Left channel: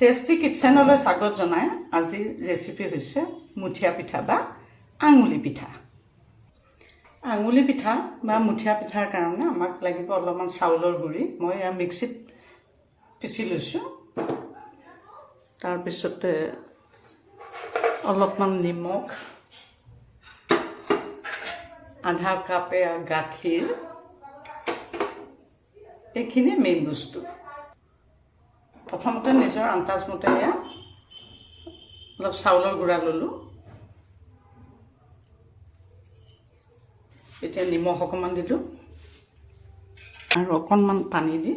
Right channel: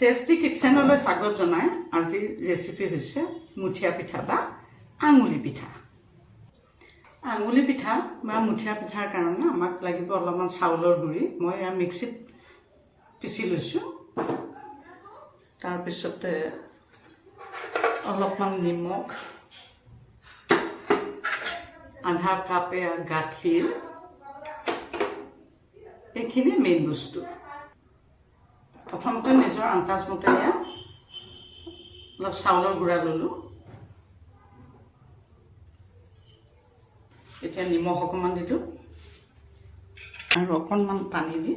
Tasty কিটচেনলৈ স্বাগত জনাই আজিৰ ৰেচিপি হৈছে মুঠিয়া পিঠা বা আঙুলি পিঠা। আঙুলি পিঠা বা মুঠিয়া পিঠাৰ কাৰণে আমাক লাগিব অলপমান চাউলৰ গুড়ি। মই এয়া মিক্সিত পিচি লৈছোঁ। তাৰপিছতে অলপমান নিমখ, আধা কাপ গাখীৰ, এইখিনি মেইন বস্তু। প্ৰথমতে নিজৰ আন্দাজ মতে অলপ চাউলৰ গুড়া ল'লোঁ। এতিয়া নিমখ অকণমান দিলোঁ আৰু অকণমান পানী দি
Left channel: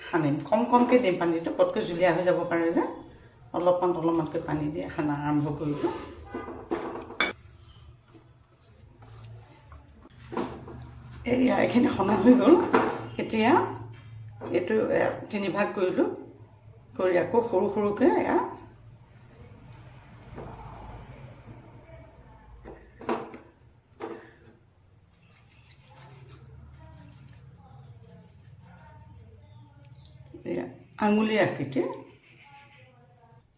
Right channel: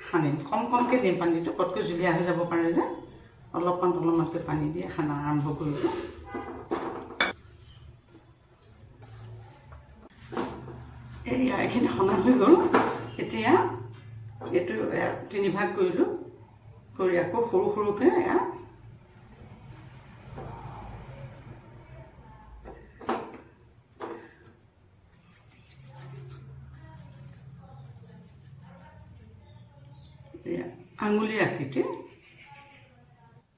সানিম। কমকৈ দিম পানীটো, পটকৈ জুলীয়া হৈ যাব পাৰে যে অলপমানকৈ পানী দি সানা আৰম্ভ কৰিলোঁ। এইখিনি সনা হৈ গ'ল। এতিয়া এইটো 3 ভাগ কৰিলোঁ, কৰি আকৌ সৰু সৰুকৈ আঙুলি আকৃতি।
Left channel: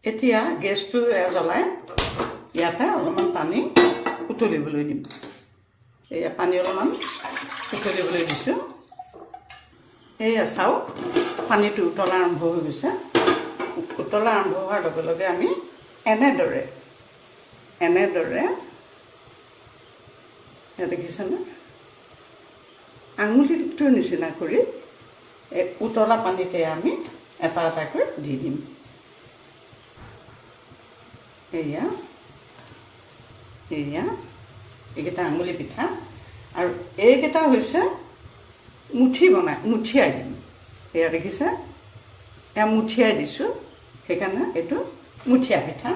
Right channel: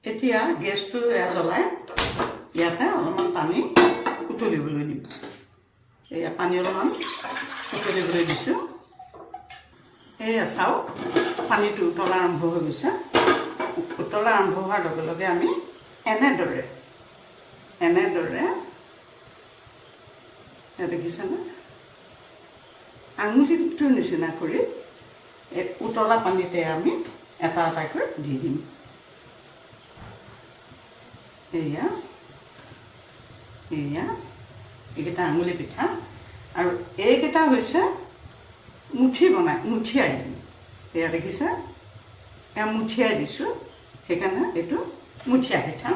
এতিয়া গেছটো জ্বলাই ইয়াতে অলপমান পানী উতলিবলৈ দিম। পানী অলপমান উতলিবলৈ দিছোঁ। চাওক, পানীটো উতলা আৰম্ভ হৈ গৈছে। উতলা আৰম্ভ হোৱাৰ লগে লগে আমি এনেদৰে দেখিছেনে, আঙুলিটোৰ নিচিনা কৰি এই উতলা পানীতে আমি এটা এটাকৈ দি দিম। এইকেইটা আঙুলি পিঠা, আৰু এইকেইটা হৈছে মুঠিয়াই দিম। দেখিছে, মুঠিয়াই দিছোঁ, সেইকাৰণে এইটো মুঠিয়া পিঠা।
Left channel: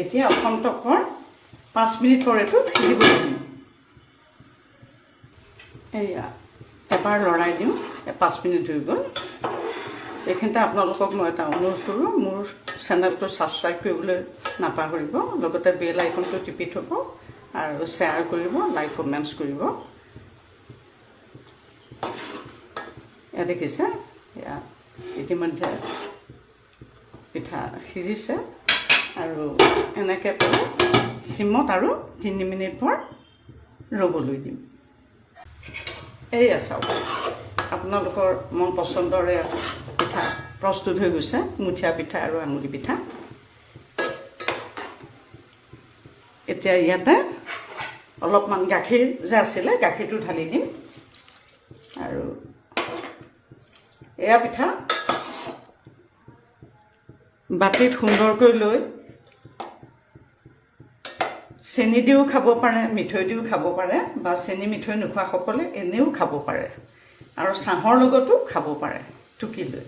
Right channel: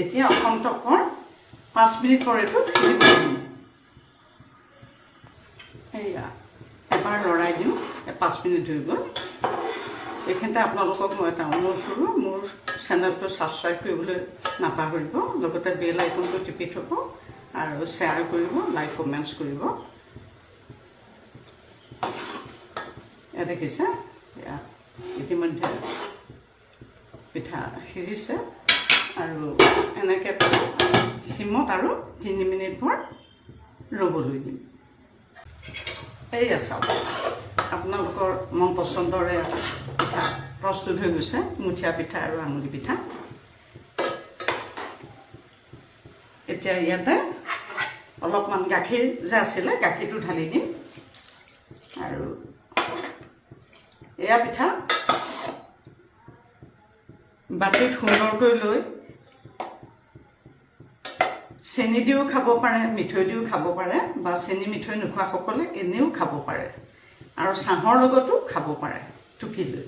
এতিয়া অসন্তকৰ 5 মিনিট এইটো সিজিব দিম। এবাৰ লৰাই দিওঁ। 5 মিনিট হৈ গ'ল। এইখিনিতে আপোনালোকক মই এটা অনুৰোধ কৰোঁ, মোৰ চেনেলটো ছাবস্ক্ৰাইব কৰিবলৈ নাপাহৰিব, লগতে বেল আইকনটো টিপি থ'ব আৰু শ্বেয়াৰ কৰিব, লাইক কমেণ্টছ কৰিব। দেখিছে, ইতিমধ্যে পিঠা সিজিছে আৰু এনেকৈ চিমত আৰু 3 মিনিট ৰ'বলৈ দিম। চাওক, আপোনালোকৰ মন পচন্দৰে পিঠা প্ৰস্তুত হৈ গৈছে, মুঠিয়া পিঠা আৰু আঙুলি পিঠা। এতিয়া ইয়াতে অলপমান গাখীৰ যে আছিলে, গাখীৰটো ঢালি দিম। আৰু পিঠা বাতিত সুন্দৰকৈ লৈ চেনি দিও খাব পাৰে, মিঠৈ দিও খাব পাৰে, বা চেনি মিঠৈ নোখোৱাসকলে এনেও খাব পাৰে, আৰু চাহৰ লগতো খাব পাৰে টুকি লৈ।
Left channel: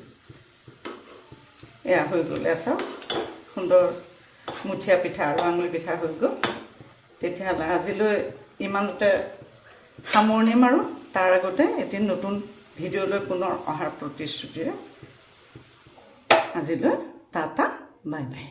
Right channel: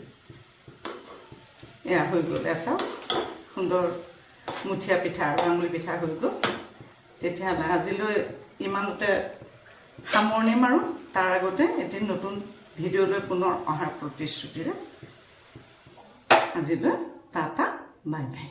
হৈ গ'ল। চাওক, সুন্দৰ মুঠিয়া পিঠা আৰু আঙুলি পিঠা হৈ গ'ল। তেতিয়াহ'লে আজিলৈ ইমানতে সামৰণি মাৰোঁ। তাৰ আগতে এটি নতুন ভিডিঅ'লৈ পুনৰ অহাৰ প্ৰতিশ্ৰুতিৰে আজিলৈ টাটা, বাই বাই।